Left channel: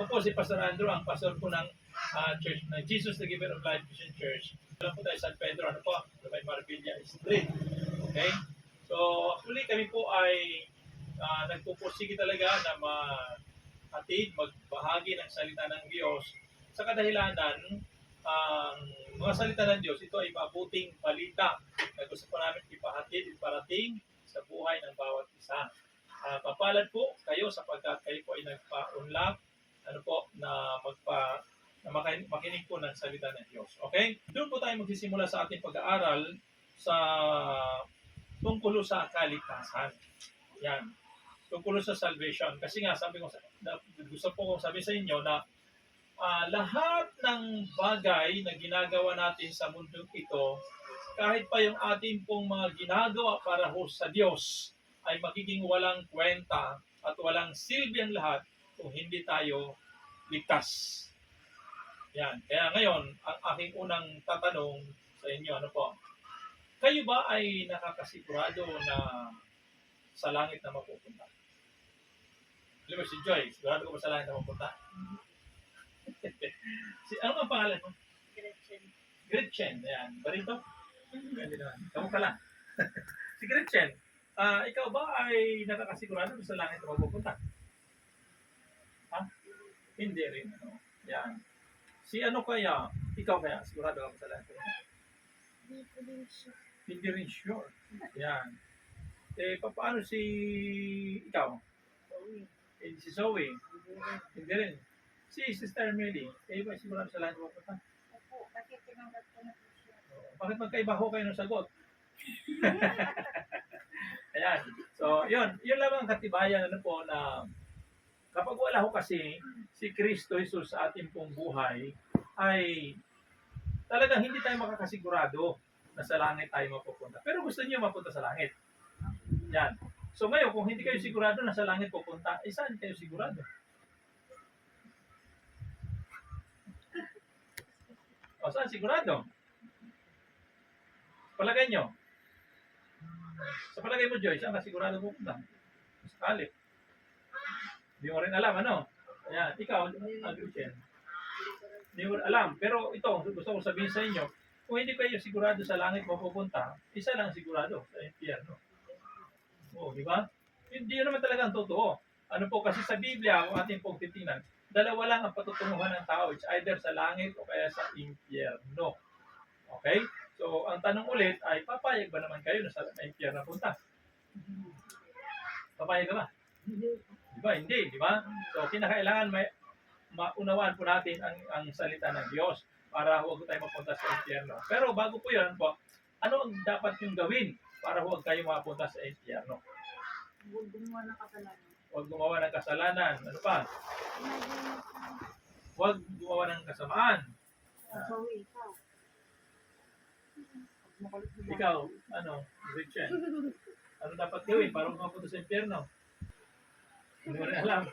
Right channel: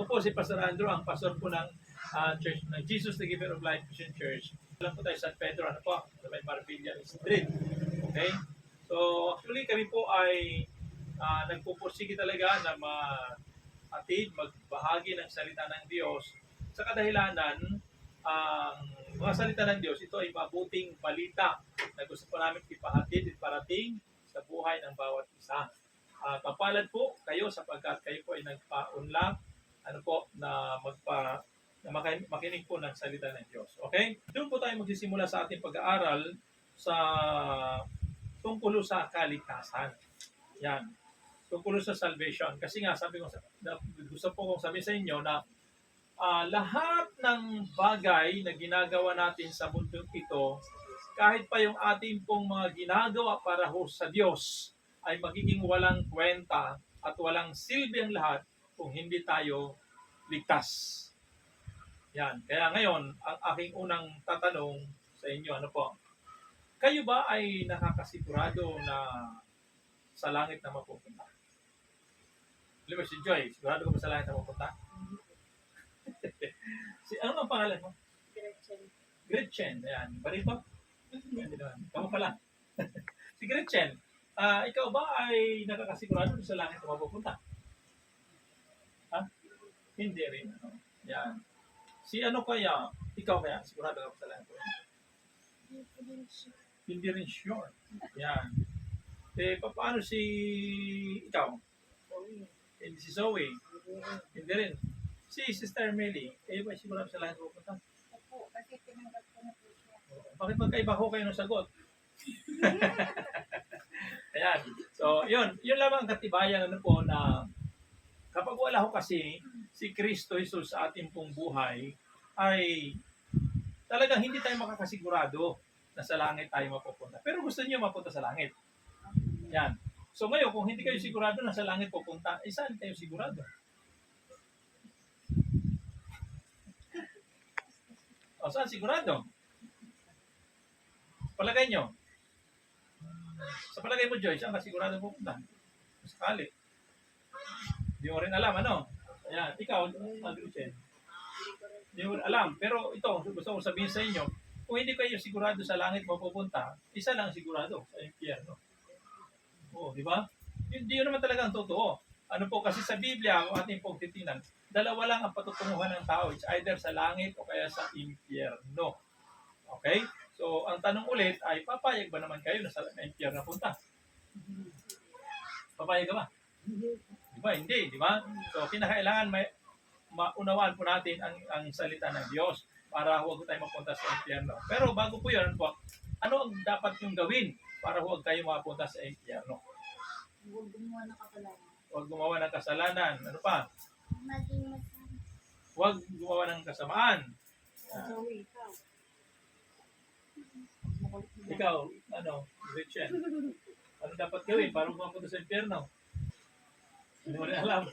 Ako po si Pastor Andrew, ang pastor po ng Church ng Jesus the Giver of Life Christian Church. Alam po tayo San Pedro, ano po, sa may Marbella Street. Okay? So, actually kami po ay nagpupursige talaga na magbahagi ng salita ng Diyos sa kadahilanan ang mga salita ng Diyos, ito ay mabuting balita na gusto po namin ipahatid at parating sa buhay ng bawat isa. Papalad po kayo sapagkat kayo po ay nagpa-unlak na makinig po ng salita ng Diyos. Okay? Doon po tayo magsisimula sa ating pag-aaral sa tungkol sa kaligtasan. Yan. Tungkol sa salvation. Kasi nga, gusto po kong sabihin sa inyo na lahat ng bagay na ginagawa natin sa mundo ito, kahit pa yung ating pong mga ginagawa para ho sa Diyos, ay magiging walang kwenta at walang silbi ang lahat kung hindi tayo ligtas. Yan. Kaya ngayon, ang aking unang tatanong sa inyo, ano po? Kayo ba ay nakakasigurado na sa langit na mapupunta? Alam mo si Joy, sigurado ko ba sa langit na mapupunta? Ano ang pangalan mo? Gretchen. Gretchen. Ayan. Bari ba? Hindi naman. Kamu pala. Si Gretchen, ikaw ba ay nakakasigurado sa langit na mapupunta? Ha? Hindi rin. Ano? Yan. Si ano kaya? Ikaw kaya? Sigurado ka ba sa langit na mapupunta? Hindi rin sure. Yan. Paano si ikaw? Si Zoe? Hindi rin. Si Sister Melly, ba sigurado sa langit na mapupunta? Opo, kasi tinanggap ko na po siya. Bakit magkaiba ho kayo ng sagot? Ayan. So, yun lamang ang katibayan po na kapag wala ho kasi si Kristo Jesus sa ating pong buhay, ay talagang hindi tayo makakasigurado na sa langit tayo mapupunta. Pero gusto niyo mapunta sa langit. Yan. So ngayon, kung hindi kayo sigurado na sa langit pupunta, saan kayo sigurado? O saan sigurado? Palagay nyo. Sa palagay mo, Joy, saan ka sigurado pupunta? Sakali. Hindi mo rin alam, ano? Ayan, ikaw, Gretchen. Hindi mo rin alam. Pero ito, gusto ko sabihin sa inyo, kung hindi kayo sigurado sa langit mapupunta, isa lang sigurado sa impyerno. Oo, di ba? Hindi yun naman talaga ang totoo. Ano po, kasi sa Biblia, ang ating pong titingnan, dalawa lang ang patutunguhan ng tao. It's either sa langit o kaya sa impyerno. Okay? So, ang tanong ulit ay, papayag ba naman kayo na sa impyerno punta? Papayag ka ba? Di ba? Hindi, di ba? So, kinakailangan maunawaan po natin ang salita ng Diyos para huwag tayo mapunta sa impyerno. Pero bago po yun, ano ang dapat yung gawin para huwag tayo mapunta sa impyerno? Huwag gumawa ng kasalanan. Huwag gumawa ng kasalanan. Ano pa? Huwag gumawa ng kasamaan. Sorry, ikaw. Ikaw, ano, Gretchen? Ano dapat gawin para mapunta sa impyerno? Hindi mo rin alam.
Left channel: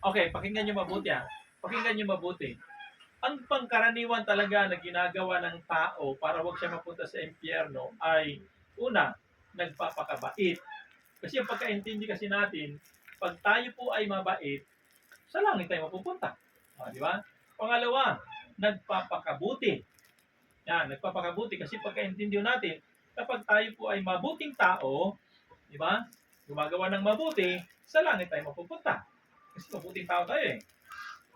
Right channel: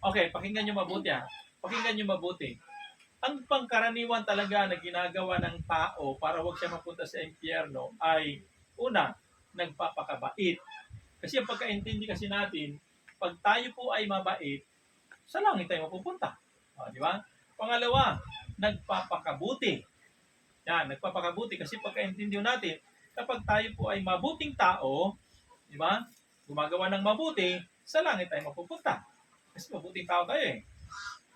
Okay, pakinggan nyo mabuti ha. Pakinggan nyo mabuti. Ang pangkaraniwan talaga na ginagawa ng tao para huwag siya mapunta sa impyerno ay, una, nagpapakabait. Kasi ang pagkaintindi kasi natin, pag tayo po ay mabait, sa langit tayo mapupunta. Di ba? Pangalawa, nagpapakabuti. Yan, nagpapakabuti kasi pagkaintindi natin, kapag tayo po ay mabuting tao, di ba? Gumagawa ng mabuti, sa langit tayo mapupunta. Kasi mabuting tao tayo eh.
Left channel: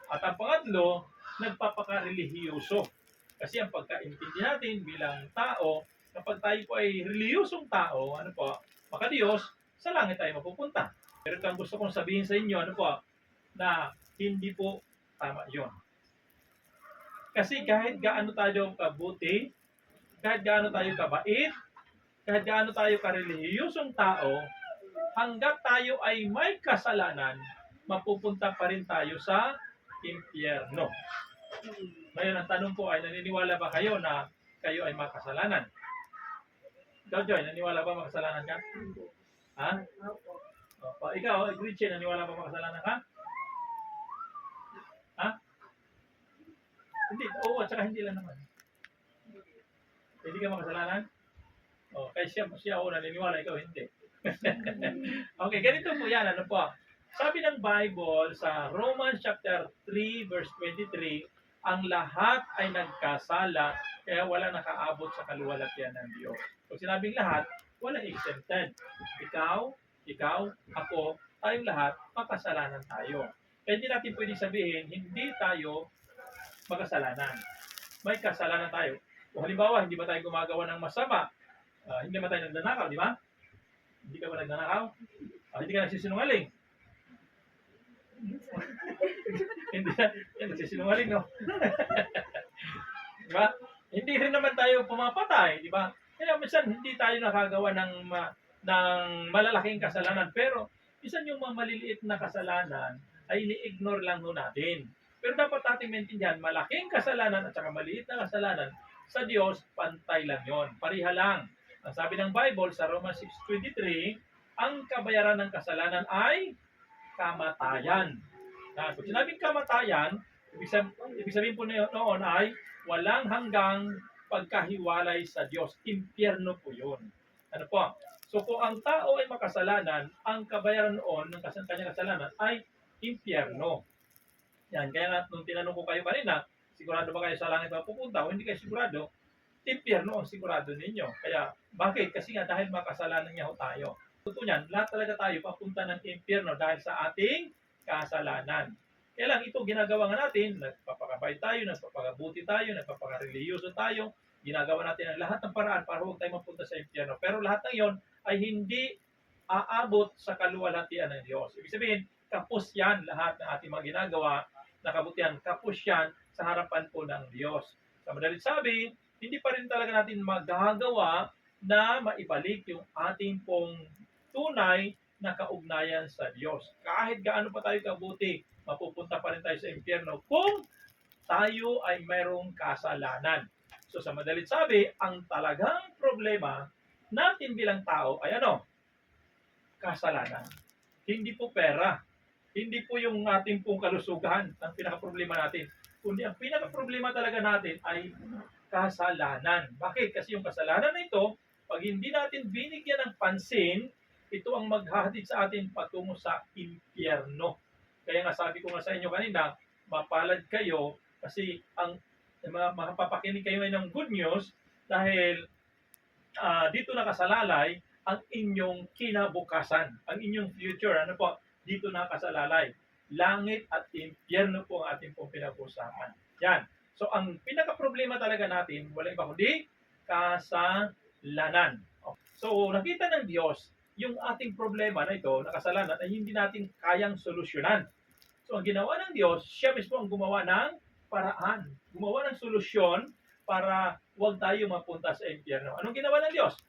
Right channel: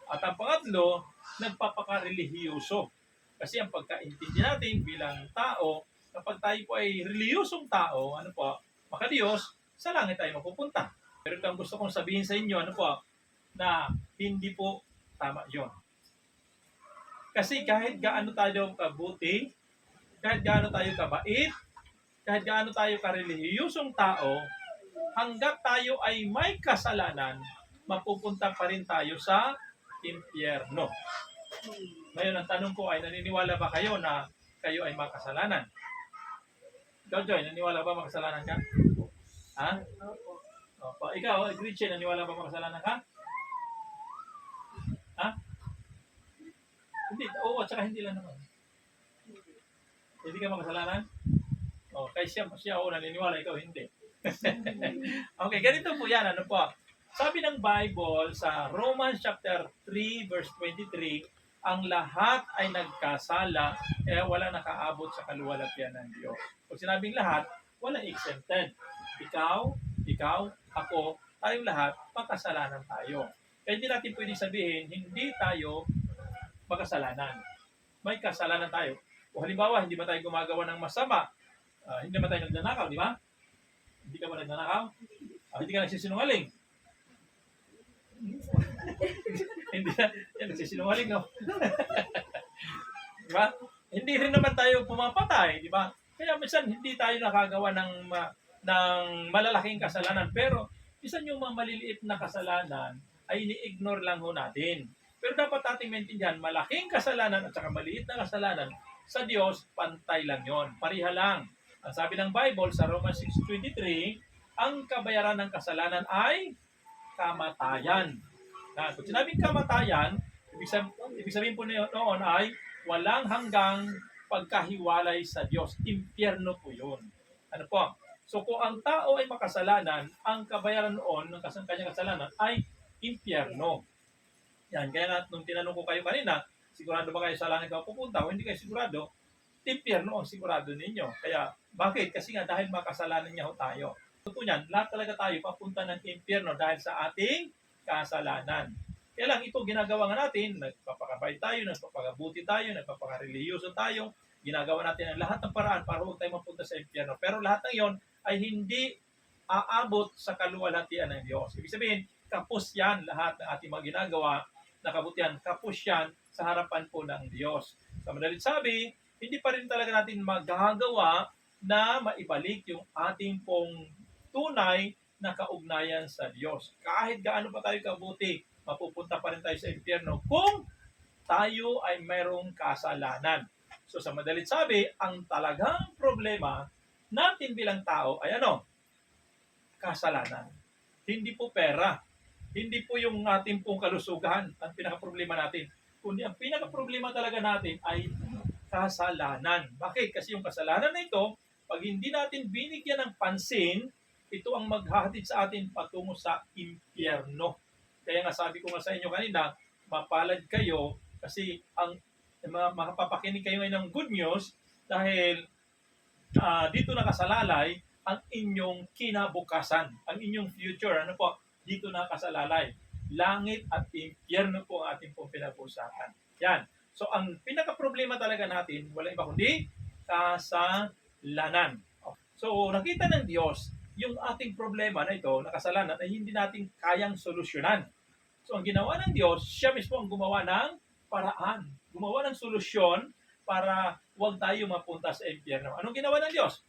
At ang pangatlo, nagpapakarelihiyoso. Kasi ang pagkaintindi natin bilang tao, kapag tayo po ay reliyosong tao, ano po, maka Diyos, sa langit tayo mapupunta. Pero ito ang gusto kong sabihin sa inyo, ano po, na hindi po tama yon. Kasi kahit gaano tayo kabuti, kahit gaano tayo kabait, kahit gaano tayo karelihiyosong tao, hanggat tayo ay may kasalanan, mapupunta pa rin tayo sa impyerno. Ngayon, ang tanong ko ay, naniniwala ba kayo na kayo ay makasalanan? Ikaw, Joy, naniniwala ba makasalanan ka? Ha? Opo. Ikaw, Gretchen, naniniwala ba makasalanan ka? Ha? Hindi. Oo, at saka hindi lang naman. Hindi ka makasalanan? Kaya siya naniniwala, ikaw hindi. Okay, ganito po yan. Ano po? Sabi ng Bible sa Romans chapter 3 verse 23, ang lahat ay nagkasala kaya wala nakaabot sa kaluwalhatian ng Diyos. Pag sinabing lahat, wala exempted. Ikaw, ako, tayong lahat, makasalanan tayo. Kaya hindi natin pwedeng sabihin, hindi tayo makasalanan. May kasalanan tayo. O halimbawa, hindi ba tayo gumagawa ng masama? Hindi ba tayo nagnanakaw, di ba? Hindi ka ba nagnanakaw? Hindi ka nagsisinungaling. Hindi yan, nagsisinungaling, no? Di ba? Hindi rin naman tayo pumapatay, di ba? Kaya minsan hindi tayo nakagawa ng malalaking kasalanan. Pero minsan yung mga maliliit na kasalanan ay ini-ignore lang ho natin. Pero dapat natin maintindihan, malaking kasalanan at saka maliit na kasalanan, sa Diyos, pantay lang yon, pariha lang. Ang sabi ng Bible sa Romans 6:23, ang kabayaran ng kasalanan ay kamatayan. Kung sinabing kamatayan, ibig sabihin po noon ay walang hanggang pagkahiwalay sa Diyos. Impyerno po yun. Ano po? So kung ang tao ay makasalanan, ang kabayaran noon ng kanyang kasalanan ay impyerno. Yan, kaya nga nung tinanong ko kayo kanina, sigurado ba kayo sa langit mapupunta? O hindi kayo sigurado, impyerno ang sigurado ninyo. Kaya bakit? Kasi nga dahil makasalanan niya ho tayo. Totoo niyan, lahat talaga tayo papunta ng impyerno dahil sa ating kasalanan. Kaya lang ito ginagawa nga natin, nagpapakabait tayo, nagpapakabuti tayo, nagpapakareliyoso tayo, ginagawa natin ang lahat ng paraan para huwag tayo mapunta sa impyerno. Pero lahat ng yon ay hindi aabot sa kaluwalhatian ng Diyos. Ibig sabihin, kapos yan lahat ng ating mga ginagawa na kabutihan, kapos yan sa harapan po ng Diyos. Sa madalit sabi, hindi pa rin talaga natin magagawa na maibalik yung ating pong tunay na kaugnayan sa Diyos. Kahit gaano pa tayo kabuti, mapupunta pa rin tayo sa impyerno kung tayo ay mayroong kasalanan. So sa madalit sabi, ang talagang problema natin bilang tao ay ano? Kasalanan. Hindi po pera. Hindi po yung ating pong kalusugan ang pinaka-problema natin. Kundi ang pinaka-problema talaga natin ay kasalanan. Bakit? Kasi yung kasalanan na ito, pag hindi natin binigyan ng pansin, ito ang maghahatid sa atin patungo sa impyerno. Kaya nga sabi ko nga sa inyo kanina, mapalad kayo kasi ang mapapakinig kayo ngayon ng good news dahil dito nakasalalay ang inyong kinabukasan, ang inyong future. Ano po? Dito nakasalalay. Langit at impyerno po ang ating pong pinag-usapan. Yan. So, ang pinaka-problema talaga natin, wala iba kundi kasalanan. So, nakita ng Diyos, yung ating problema na ito, na kasalanan, ay hindi natin kayang solusyonan. So, ang ginawa ng Diyos, siya mismo ang gumawa ng paraan. Gumawa ng solusyon para huwag tayo mapunta sa impyerno. Anong ginawa ng Diyos?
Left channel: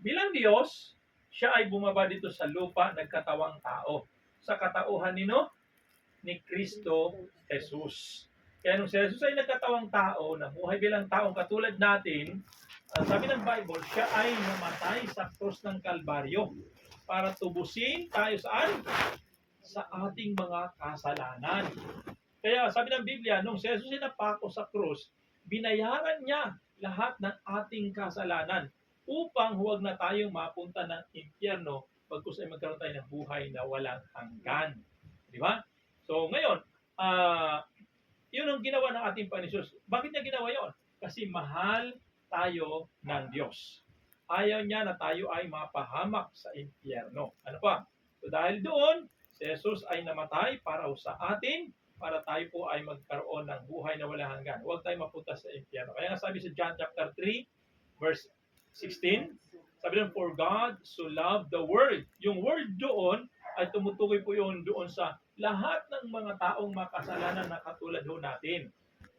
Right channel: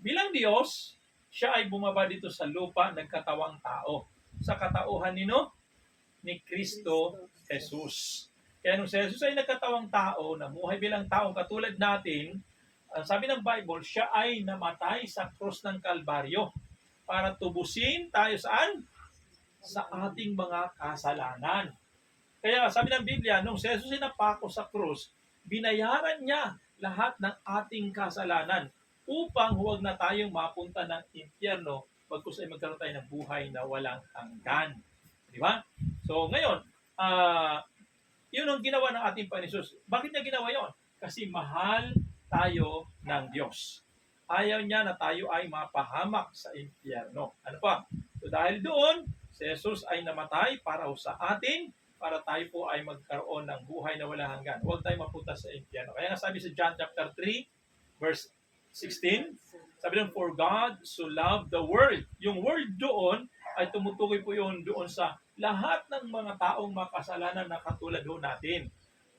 Bilang Diyos, siya ay bumaba dito sa lupa, nagkatawang tao. Sa katauhan ni Kristo Jesus. Kaya nung si Jesus ay nagkatawang tao, namuhay bilang taong katulad natin, ang sabi ng Bible, siya ay namatay sa krus ng Kalbaryo para tubusin tayo saan? Sa ating mga kasalanan. Kaya sabi ng Biblia, nung si Jesus ay napako sa krus, binayaran niya lahat ng ating kasalanan upang huwag na tayong mapunta ng impyerno pagkus ay magkaroon tayo ng buhay na walang hanggan. Di ba? So ngayon, yun ang ginawa ng ating Panginoon Jesus. Bakit niya ginawa yon? Kasi mahal tayo ng Diyos. Ayaw niya na tayo ay mapahamak sa impyerno. Ano pa? So dahil doon, si Jesus ay namatay para sa atin, para tayo po ay magkaroon ng buhay na walang hanggan. Huwag tayo mapunta sa impyerno. Kaya nga sabi sa John chapter 3, verse 16, sabi ng, for God so loved the world. Yung world doon ay tumutukoy po yun doon sa lahat ng mga taong makasalanan na katulad ho natin.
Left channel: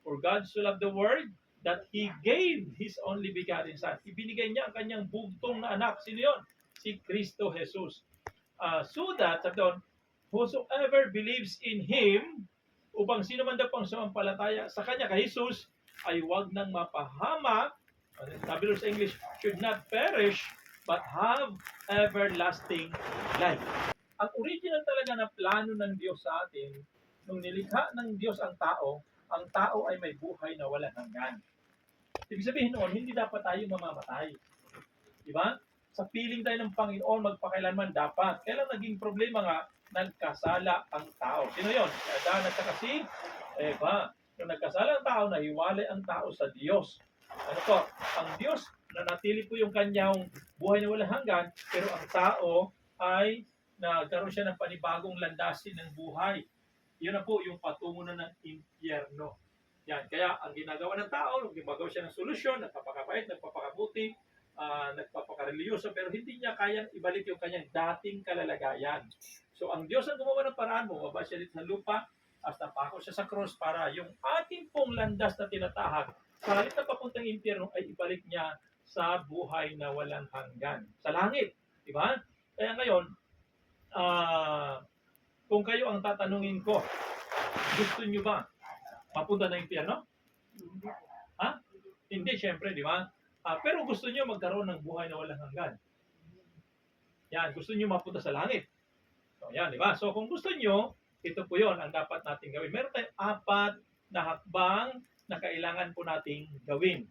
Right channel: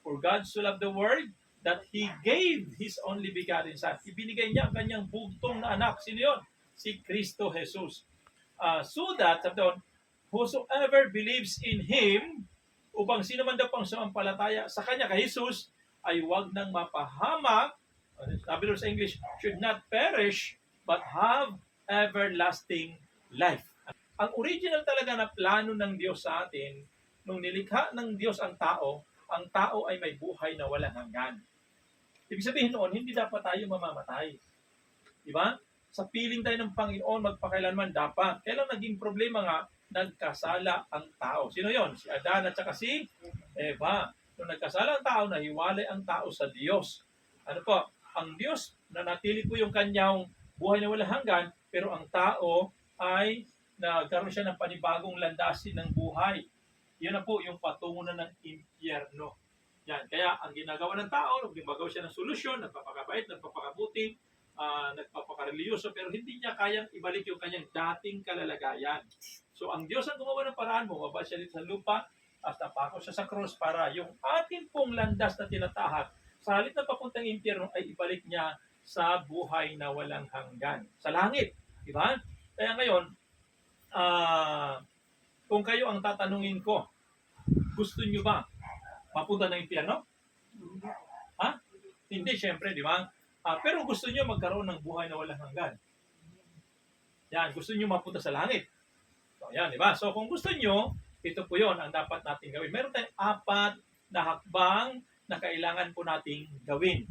For God so loved the world that He gave His only begotten Son. Ibinigay niya ang kanyang bugtong na anak. Sino yun? Si Kristo Jesus. So that, sabi doon, whosoever believes in Him, upang sino man daw pang sumampalataya sa Kanya, kay Jesus, ay wag nang mapahamak, sabi doon sa English, should not perish, but have everlasting life. Ang original talaga na plano ng Diyos sa atin, nung nilikha ng Diyos ang tao ay may buhay na walang hanggan. Ibig sabihin noon, hindi dapat tayo mamamatay. Di ba? Sa piling tayo ng Panginoon, magpakailanman dapat. Kaya lang naging problema nga, nagkasala ang tao. Sino yon? Si Adan at saka si Eva. Nung nagkasala ang tao, nahiwalay ang tao sa Diyos. Ano po? Ang Diyos, nanatili po yung kanyang buhay na walang hanggan, pero ang tao ay nagkaroon siya ng panibagong landasin ng buhay. Yun na po yung patungo na ng impyerno. Yan. Kaya ang ginagawa ng tao, gumagawa siya ng solusyon, nagpapakabait, nagpapakabuti, nagpapakareliyoso, pero hindi niya kayang ibalik yung kanyang dating kalalagayan. So ang Diyos ang gumawa ng paraan, bumaba siya dito sa lupa, at napako siya sa cross para yung ating pong landas na tinatahak, sa halip na papuntang impyerno ay ibalik niya sa buhay na walang hanggan. Sa langit. Di ba? Kaya ngayon, kung kayo ang tatanungin ko, gusto nyo ba mapunta ng impyerno? Ha? Hindi, syempre, di ba? Pero gusto nyo magkaroon ng buhay na walang hanggan. Yan, gusto nyo mapunta sa langit. So, yan, di ba? So, kung gusto nyo, ito po yon ang dapat natin gawin. Meron tayong 4 na hakbang na kailangan po nating gawin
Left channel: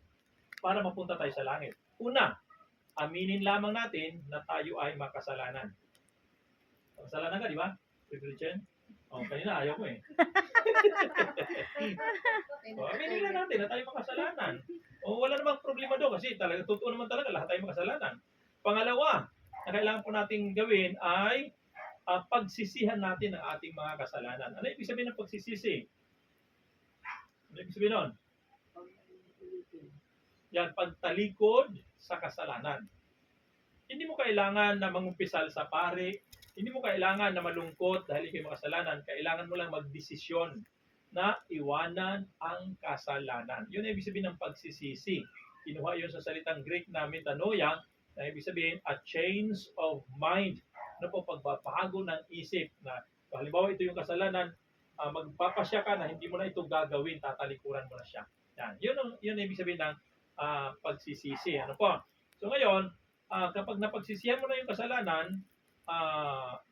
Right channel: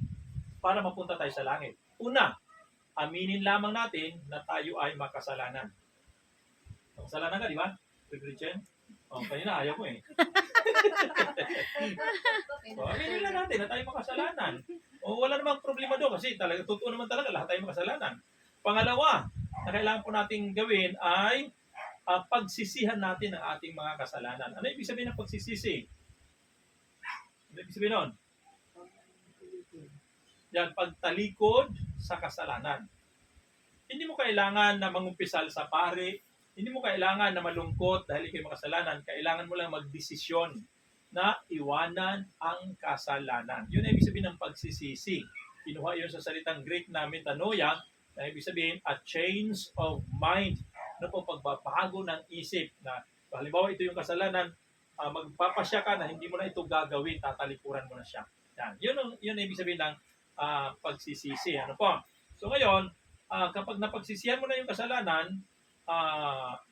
para mapunta tayo sa langit. Una, aminin lamang natin na tayo ay makasalanan. Makasalanan ka, di ba? Christian? Kanina ayaw mo eh. So, aminin lang natin na tayo makasalanan. Wala namang problema doon kasi talaga, totoo naman talaga lahat tayo makasalanan. Pangalawa, na kailangan po nating gawin ay pagsisihan natin ang ating mga kasalanan. Ano ibig sabihin ng pagsisisi? Ano ibig sabihin nun? Yan, pagtalikod sa kasalanan. Hindi mo kailangan na mangumpisal sa pari, hindi mo kailangan na malungkot dahil ikaw makasalanan. Kailangan mo lang magdesisyon na iwanan ang kasalanan. Yun ang ibig sabihin ng pagsisisi. Kinuha yun sa salitang Greek na metanoia, na ibig sabihin a change of mind. Ano po, pagbabago ng isip na halimbawa ito yung kasalanan, magpapasya ka na hindi mo na ito gagawin, tatalikuran mo na siya. Yan. Yun ang ibig sabihin ng pagsisisi. Ano po? So ngayon, kapag napagsisihan mo na yung kasalanan,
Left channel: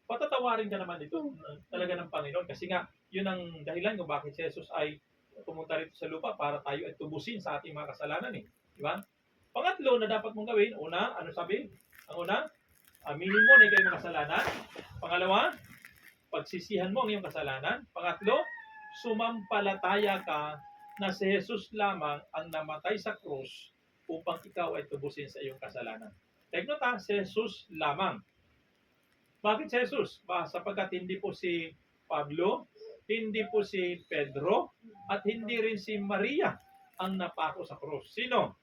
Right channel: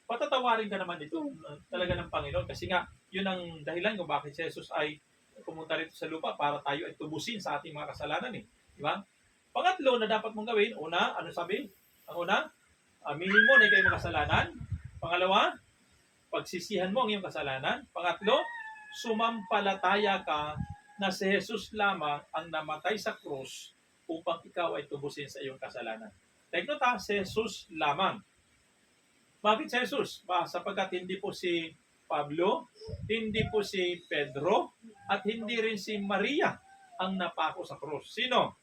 patatawarin ka naman ito talaga ng Panginoon. Kasi nga, yun ang dahilan kung bakit si Jesus ay pumunta rito sa lupa para tayo ay tubusin sa ating mga kasalanan. Di ba? Pangatlo na dapat mong gawin, una, ano sabi? Ang una, aminin mo na ikaw ay makasalanan. Pangalawa, pagsisihan mo ang iyong kasalanan. Pangatlo, sumampalataya ka na si Jesus lamang ang namatay sa krus upang ikaw ay tubusin sa iyong kasalanan. Take note ha, si Jesus lamang. Bakit si Jesus? Sapagkat hindi po si Pablo, hindi po si Pedro, at hindi rin si Maria ang napako sa krus. Sino?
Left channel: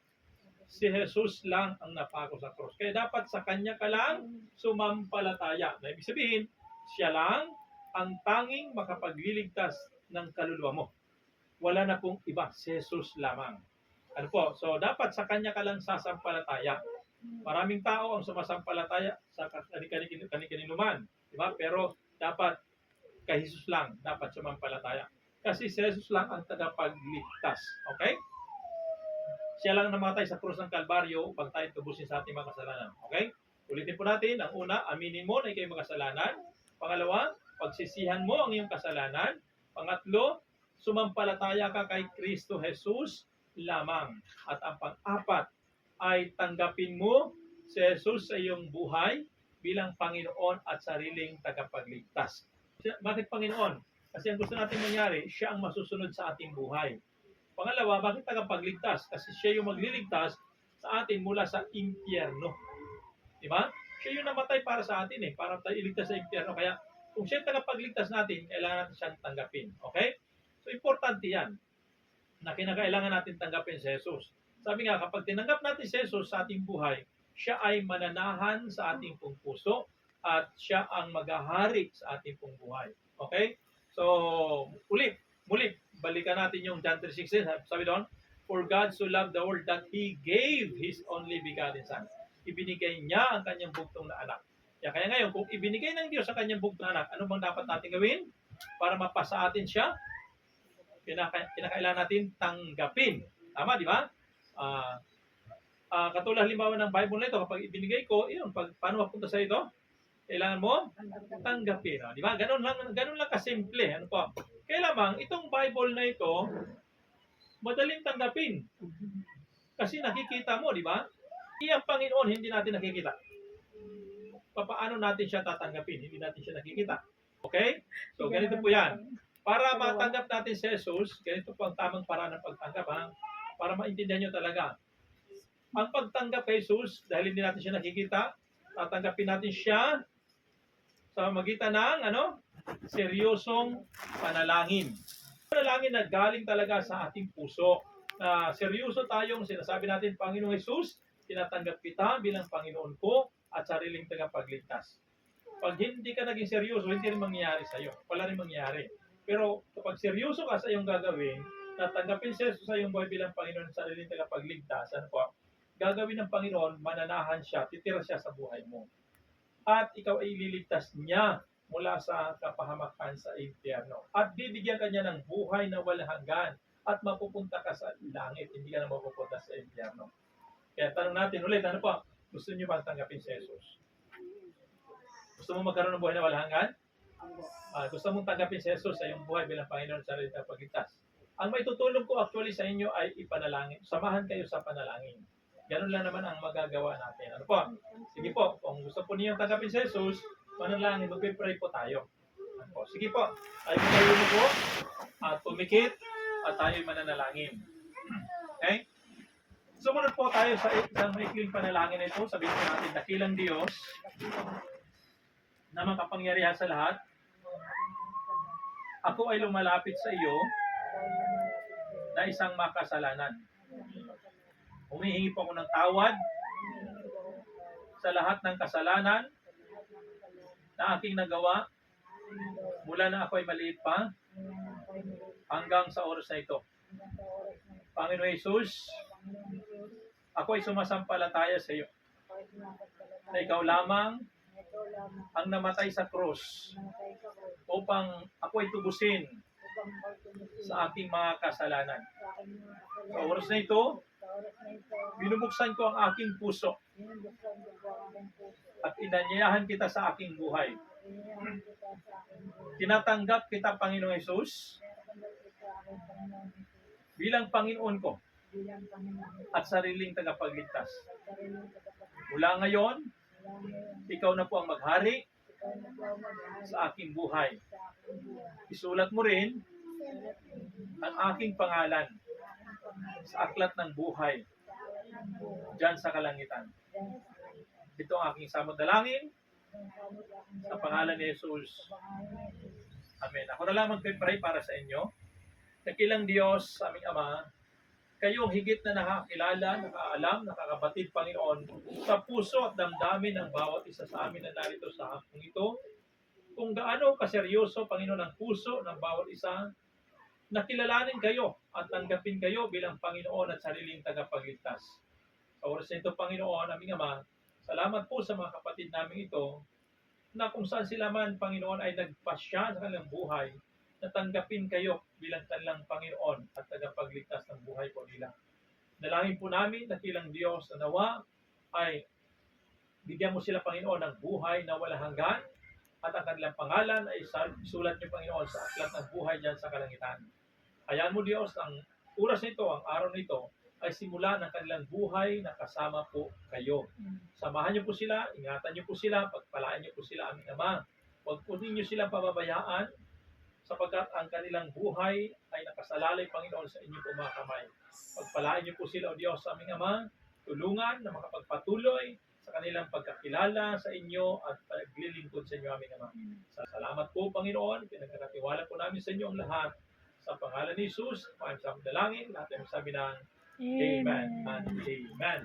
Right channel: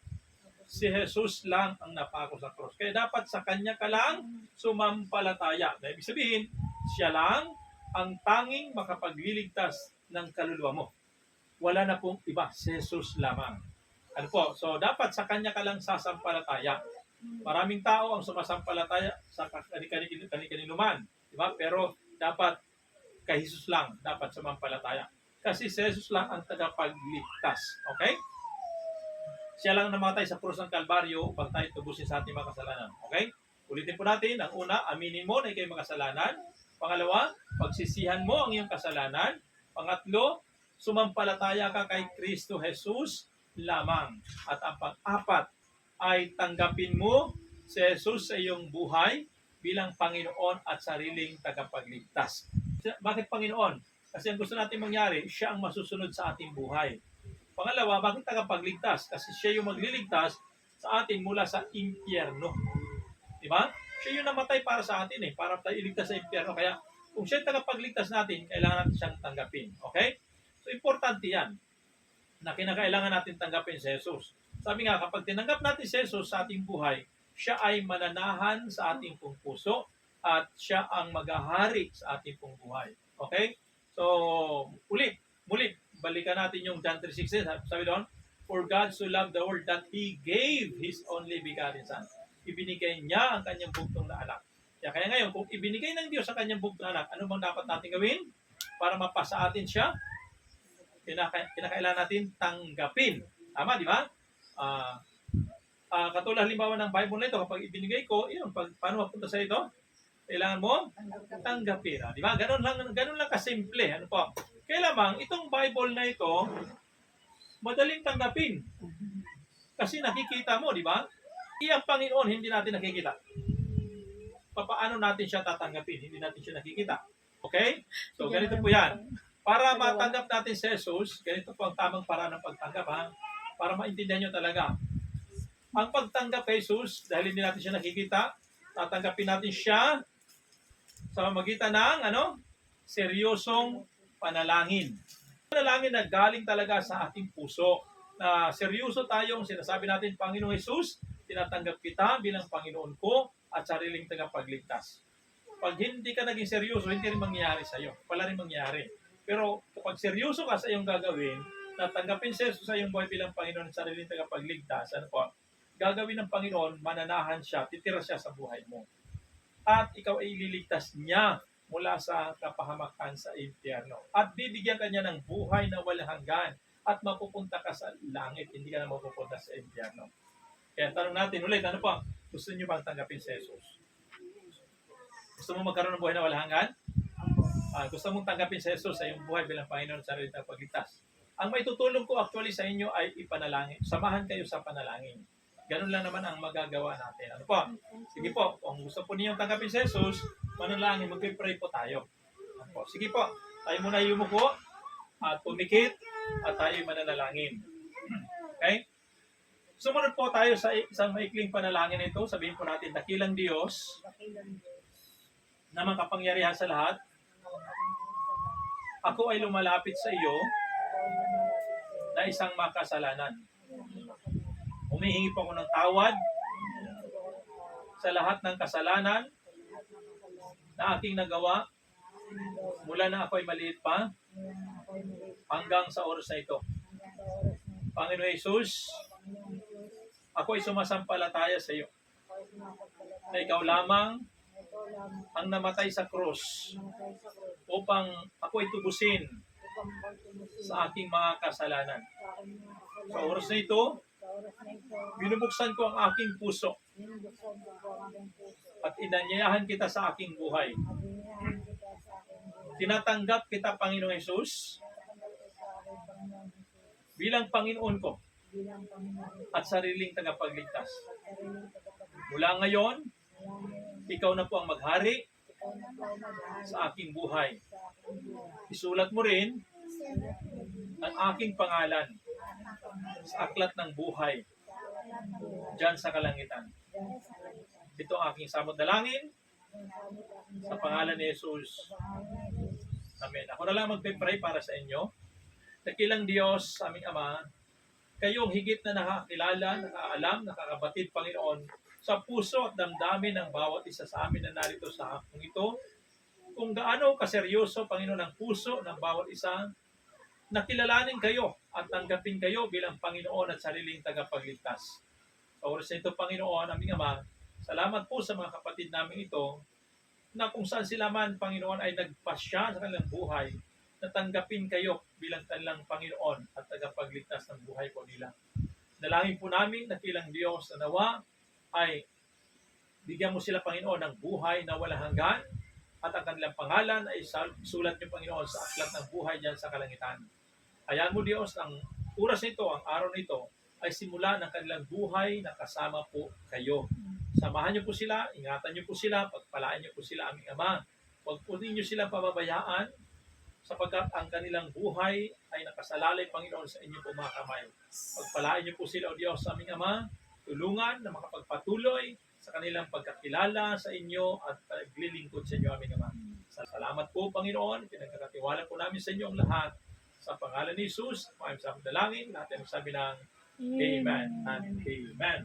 Si Jesus lang ang napako sa krus. Kaya dapat sa kanya ka lang sumampalataya. Na ibig sabihin, siya lang ang tanging makapagliligtas ng kaluluwa mo. Wala na pong iba, si Jesus lamang. Ano po? So dapat sa kanya ka lang sasampalataya. Maraming tao ang sumasampalataya sa kani-kaninuman, di ba? Pero dapat kay Jesus lang dapat sumampalataya. Kasi si Jesus lang ang tagapagligtas. Okay? Siya lang namatay sa krus ng Kalbaryo upang tayo tubusin sa ating mga kasalanan. Okay? Ulitin po natin. Ang una, aminin mo na ikaw makasalanan. Pangalawa, pagsisihan mo ang iyong kasalanan. Pangatlo, sumampalataya ka kay Kristo Jesus lamang. At ang pang-apat ay tanggapin mo si Jesus sa iyong buhay bilang Panginoon at sariling tagapagligtas. Bakit Panginoon? Kasi ang gusto natin mangyari, siya ang masusunod sa ating buhay. Pangalawa, bakit tagapagligtas? Kasi siya yung magliligtas sa atin mula sa impyerno. Di ba? Siya yung namatay para sa atin para tayo iligtas sa impyerno. Kaya kung siya yung tagapagligtas natin, kailangan natin siyang tanggapin. Okay? So, importante yan na kinakailangan natin tanggapin si Jesus. Sabi nga, kapag tinanggap natin si Jesus sa ating buhay, siya ay mananahan sa ating pong puso at siya ang maghahari sa ating pong buhay. Okay? So, muli, balikan natin yung John 3:16. Sabi doon, for God so loved the world that He gave His only begotten Son. Ibinigay niya ang kanyang bugtong na anak. Kaya ngayon, kung ibinigay ng Diyos ang kanyang bugtong na anak, ano bang dapat natin gawin para mapasa atin siya? Kinakailangan natin tanggapin. Tama, di ba? Katulad halimbawa ng Bible na ito, kapag ibinigay ko, paano mapunta sa ito? Kailangan mo tanggapin. Di ba? Ganun lang kasimple. Ano po? Kaya lamang, itong Bible na ito, madaling tanggapin. Kasi nakikita mo, di ba? Ang Panginoon, hindi natin nakikita. Paano natin siya tatanggapin? Hindi natin siya nakikita. Okay? So, ganito po yan. Para matanggap natin si Jesus, ganito po ang tamang paraan ng pagtanggap, ha? Para maintindihan nyo talaga. Ang pagtanggap kay Jesus, dahil hindi natin siya nakikita, tatanggapin natin siya sa magitan ng, seryosong panalangin. Panalangin na galing talaga sa ating puso. Na seryoso tayong sinasabi natin, Panginoong Jesus, tinatanggap kita bilang Panginoon ko at sariling tagapagligtas. Pag hindi ka naging seryoso, hindi rin mangyayari sa'yo. Wala rin mangyayari. Pero kapag seryoso ka sa iyong gagawin, natanggapin sa iyong buhay bilang Panginoon at sariling tagapagligtas, gagawin ng Panginoon, mananahan siya, titira siya sa buhay mo. At ikaw ay ililigtas niya mula sa kapahamakan sa impyerno. At bibigyan ka niya ng buhay na walang hanggan at mapupunta ka sa langit, hindi ka na mapupunta sa impyerno. Kaya tanong natin ulit, ano po? Gusto niyo bang tanggapin si Jesus? Gusto mo magkaroon ng buhay na walang hanggan? Gusto mong tanggapin si Jesus sa iyong buhay bilang Panginoon sa sarili ng pagligtas? Ang may tutulong ko actually sa inyo ay ipanalangin. Samahan kayo sa panalangin. Ganun lang naman ang magagawa natin. Ano po? Sige po, kung gusto po niyo tanggapin si Jesus, manalangin, mag-pray po tayo. Ano po? Sige po, tayo muna yumuko at tumikit at tayo mananalangin. Okay? Sumunod po tayo sa isang maikling panalangin ito. Sabihin po natin, dakilang Diyos na makapangyarihan sa lahat, ako ay lumalapit sa iyo na isang makasalanan. Humihingi po ako ng tawad sa lahat ng kasalanan na aking nagawa mula na ako ay maliit pa hanggang sa oras na ito. Panginoon Jesus, ako ay sumasampalataya sa iyo na ikaw lamang ang namatay sa krus upang ako ay tubusin sa aking mga kasalanan. Sa oras na ito, binubuksan ko ang aking puso at inanyayahan kita sa aking buhay. Tinatanggap kita, Panginoong Jesus, bilang Panginoon ko at sariling tagapagligtas. Mula ngayon, ikaw na po ang maghari sa aking buhay. Isulat mo rin ang aking pangalan sa aklat ng buhay diyan sa kalangitan. Ito ang aking samot dalangin sa pangalan ni Jesus. Amen. Ako na lang magpe-pray para sa inyo. Dakilang Diyos, aming Ama, kayong higit na nakakilala, nakaalam, nakakabatid, Panginoon, sa puso at damdamin ng bawat isa sa amin na narito sa hapong ito. Kung gaano kaseryoso, Panginoon, ang puso ng bawat isa, nakilalanin kayo at tanggapin kayo bilang Panginoon at sariling tagapagligtas. Sa oras na ito, Panginoon, aming Ama, salamat po sa mga kapatid namin ito, na kung saan sila man, Panginoon, ay nagpasya sa kanilang buhay, natanggapin kayo bilang kanilang Panginoon at tagapagligtas ng buhay po nila. Nalangin po namin, dakilang Diyos, na nawa ay bigyan mo sila, Panginoon, ng buhay na walang hanggan at ang kanilang pangalan ay isulat niyo, Panginoon, sa aklat ng buhay diyan sa kalangitan. Hayaan mo, Diyos, ang oras nito, ang araw nito, ay simula ng kanilang buhay na kasama po kayo. Samahan niyo po sila, ingatan niyo po sila, pagpalaan niyo po sila, aming Ama. Huwag po ninyo silang pababayaan sapagkat ang kanilang buhay ay nakasalalay, Panginoon, sa inyong mga kamay. Pagpalaan niyo po sila, O Diyos, aming Ama, tulungan na makapagpatuloy sa kanilang pagkakilala sa inyo at paglilingkod sa inyo, aming Ama. Salamat po, Panginoon, pinagkakatiwala po namin sa inyo ang lahat. Sa pangalan ni Jesus, maayos sa dalangin, lahat ay magsabi ng Amen and Amen.